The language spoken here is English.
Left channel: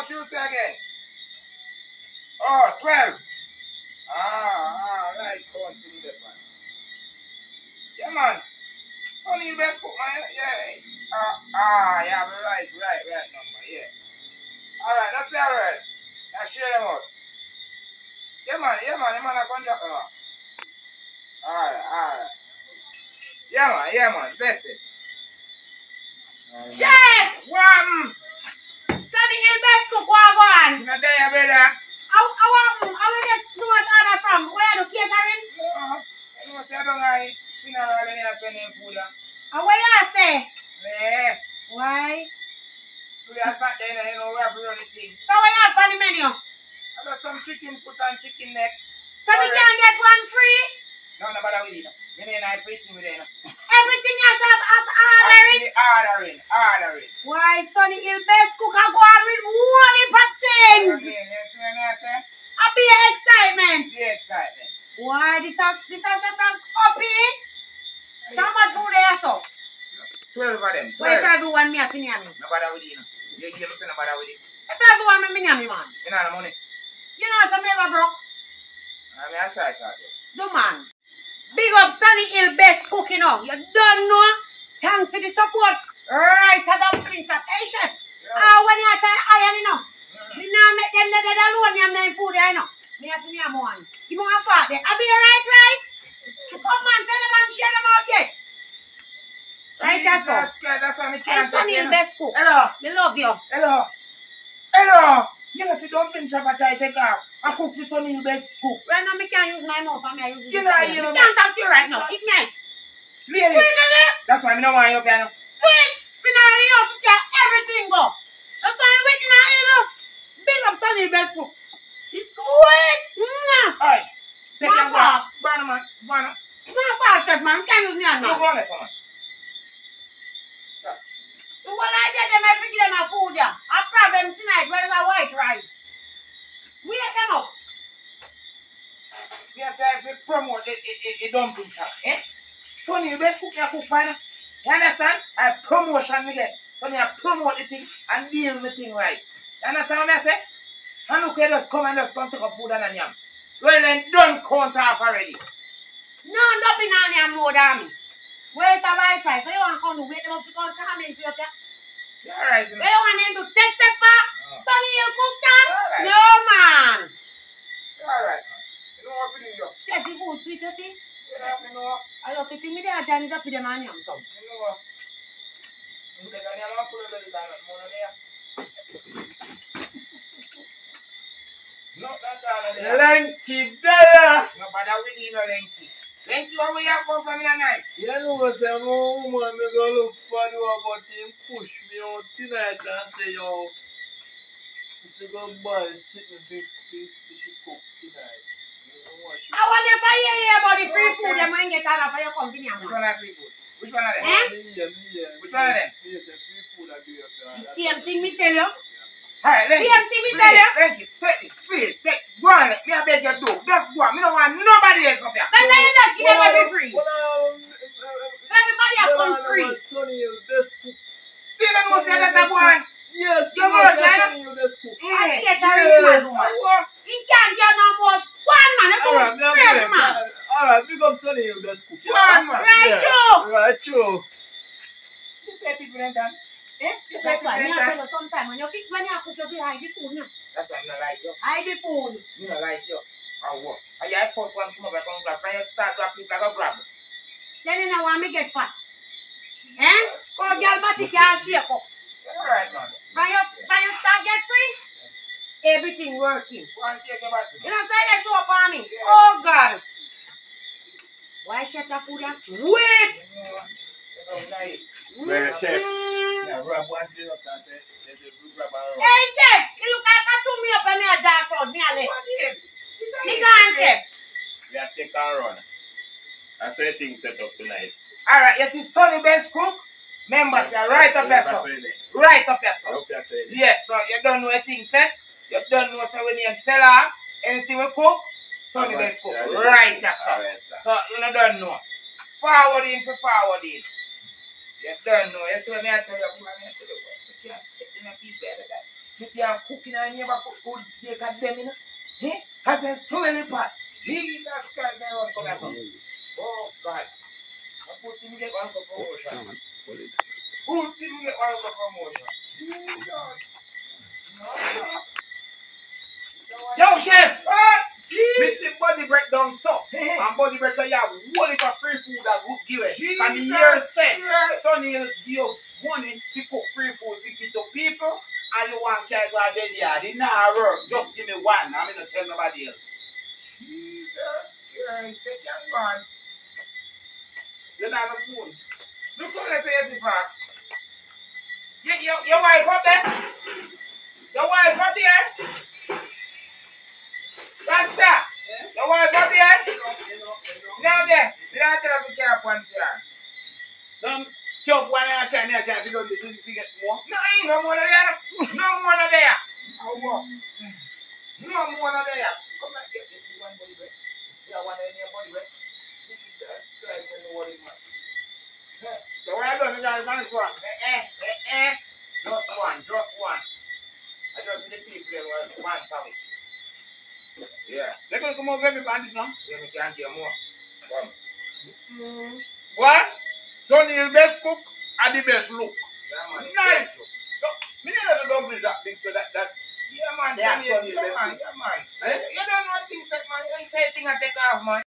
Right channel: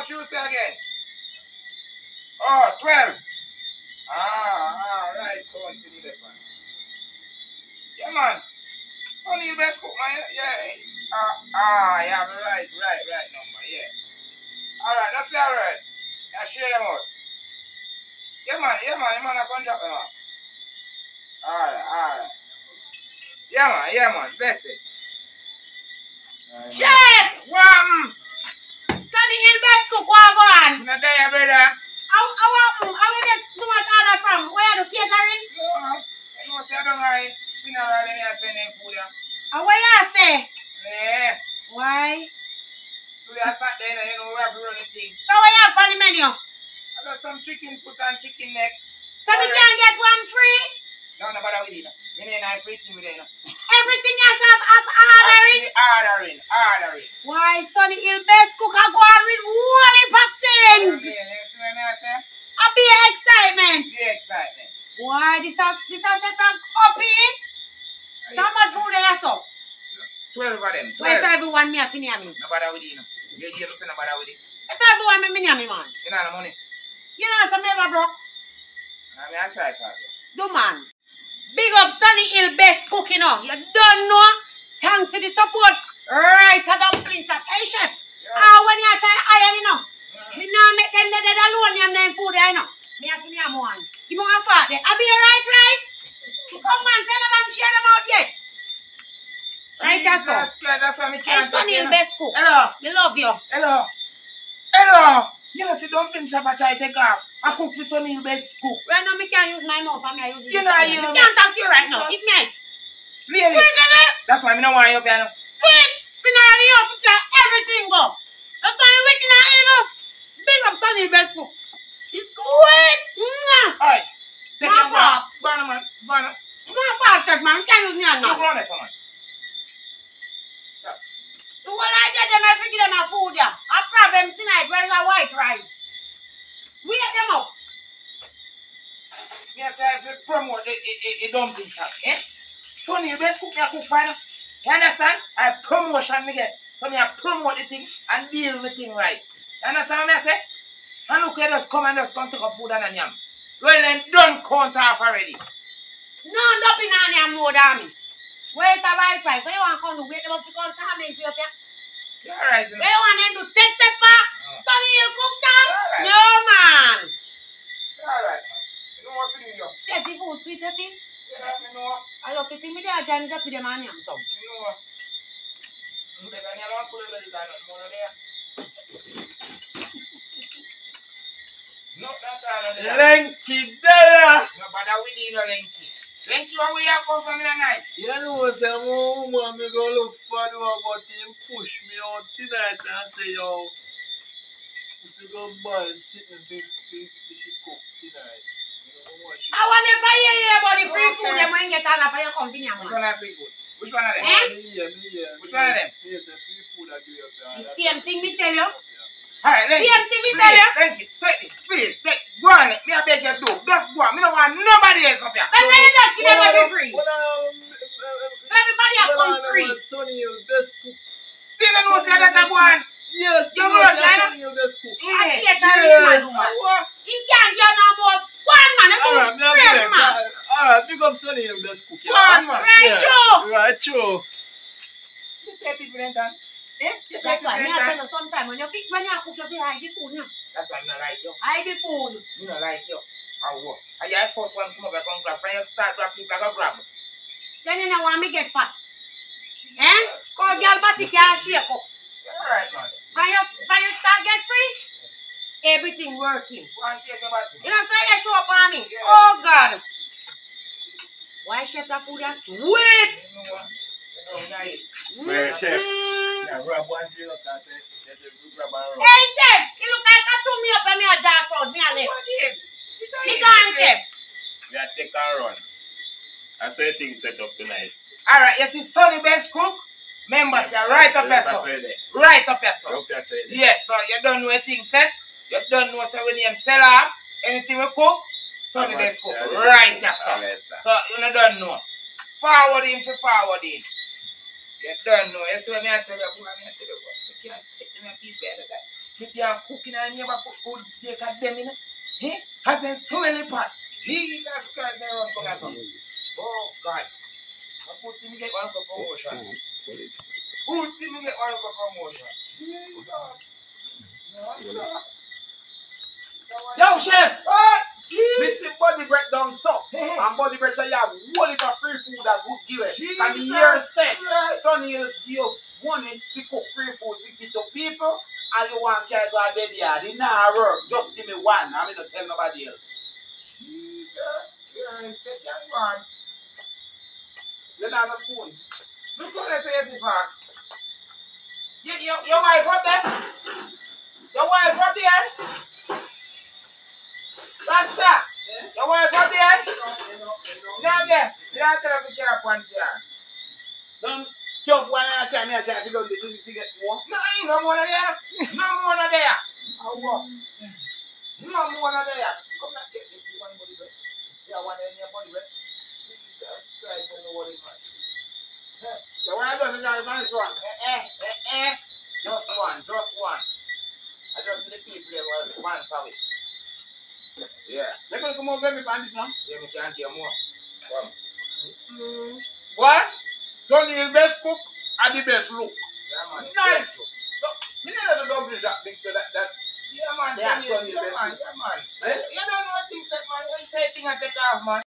much you say again? Oh, 12. Right. Count to me that man. Yeah, man. Funny best cook, man. Yeah. You have the right number, yeah. Alright, that's alright. Now share them out. Yeah, man, the man a contract them out. Alright. Yeah, man, bless it. Chef! What? Sunny Hill best cook, what go on? You not there, brother? How we get so much order from? Where are the catering? No. I know say I don't like funeral and you send them food. What you say? Yeah. Why? Today I sat there and you know we have to run the thing. So what you have on the menu? I got some chicken foot and chicken neck. So we can get one free? No, bother with it. Me ain't no free thing with it. Everything you have ordering? Ordering. Why Sunny Hill best cook I go on with one heap of things? You see what I say? I be excitement. The excitement. Why this a chef up here? So much food there so? 12 of them. 12. Why if everyone me a fin me? No bother with it. You hear me say no bother with it. If everyone me me man. You know the money? You know some ever broke? I try to Do man. Big up Sunny Hill best cooking now. You don't know? Thanks to the support. Right at Dumpling shop. Hey chef. When you try iron you know. Me now make them dead alone them name food there you know. Me have to name one. You want a fat there. I be a right rice. Come on, send them and share them out yet. Right that's all. That's why me can't. Hey Sunny Hill best cook. Hello. Me love you. Hello. You know, see, Dumpling shop I try to take off. I cook for Sunny Hill best cook. Right now, me can't use my mouth and I use it. You know, me can't talk to you right now. It's me. Lady. That's why I don't want you up here now. Wait. Me not ready up to everything go. That's why I'm waking up, you know. Big up Sunny Hill best cook. It's sweet. Alright. Take your One Go on, man. Go on. One fast, chef, man. Can't use me and You man. go on there, man. When I get them, I give them a food, yeah. A problem tonight, where's a white rice? We get them up. Me try to promote the dumpling shop, eh? Sunny Hill best cook, you cook fine. You understand? I promotion me get. So me I promote the thing and build the thing right. You understand what I say? And look at us come and just come take up food and a yam. Well then done count off already. No, dumpling on yam more than me. Where's the white rice? So you want to come to wait them up to come come in for you? You're alright, you know. Where you want them to take the part? Sunny Hill cook chop? Alright. No, man. You're alright, man. You know what to do, you? Chef, the food sweet, you see? Yeah, me know. I love it. Me there, Johnny, to feed them and yam some. Me know. You better never put a belly down on more there. No, that's all there. Lenky there. No bother with you, no Lenky. Lenky, where you come from in the night? You know, say my woman me go look for the one, but him push me out tonight and say, yo, if you go buy sitting she cook tonight. You know what she I want if I hear about the free food, them when get all of your company. Which one are free food? Which one are them? Which one are them? Yes, the free food I give you. The same thing me tell you. Alright, Lenky. Same thing me tell you. Lenky, take this, please. Go on, me I beg you do. Just go on. Me don't want nobody else up here. But now you just give them every free. Everybody a come free. Sunny Hill best cook. See, you know say that I go on. Yes, You work, Sunny Hill best cook. I see Yeah. it a rich man. He can't get no more. One man, Alright, me brave man. alright, big up Sunny Hill best cook. Go on, man. Right, Joe. Right, true. You say people ain't done. Eh? You say That's people why me ain't I tell done. you sometime when you cook, you hide the food, no? That's why I don't like you. Hide the food. Me don't like you. Or what? Are you the first one come over and grab? From you start grab people like a grab. Then you know want me get fat. Eh? Cause girl body can't shake up. Alright, man. When you start get free, everything working. Go and shake your body. You know, say they show up on me. Yeah. Oh God. Why chef that food is sweet? You know, nice. Where, chef? Mm. Yeah, grab one thing up and say, there's a good grab around. Hey chef, you look like I took me up and me a dark crowd, me a left. What is? Me gone chef. Yeah, take a run. I saw a thing set up tonight. Alright, you see Sunny best cook? Members, you're right up your son. Right up your son. Yes, so you don't know a thing set. You don't know so when you sell off anything we cook, Sunny best cook. Right your son. So you don't know. Forwarding for forwarding. You don't know. You see what I tell you? I tell you what. You can't take them people better than that. You can't cook in and never put good take of them, you know? Eh? Has them smelly pot. Jesus Christ, I run come here, son. Oh, God. I put him get one for promotion. Put him get one for promotion. Jesus. No, no. Yo, chef! Me see body break down so. And body break say you have one heap of free food that good give it. And the year said, Sonny will give you money to cook free food to give to people. And you want to go a dead yard. It not work. Just give me one. I'm not tell nobody else. Jesus Christ, take your one. You don't have a spoon. Look how they say yes, if your wife up there? Your wife up there? Rasta! Yeah? Your wife up there? No, there. You don't tell her to care upon here. Don't chop one and a try me a try to do this to get more. No, ain't no more there. No more there. How what? No more there. Come back here. You see one body break? You see one in your body break? Jesus Christ, you know what it means. The wife doesn't just one. Just one, just one. I just see the people that was one, sorry. Yeah. They're going to come over and find this now. Yeah, me can't hear more. Come. What? Tony is the best cook and the best look. Yeah, man. Nice. Look, me never the dumpling shop big so that. Yeah, man. Sonny is the best cook. Yeah, man. You don't know things like, man. You don't say things I take off, man.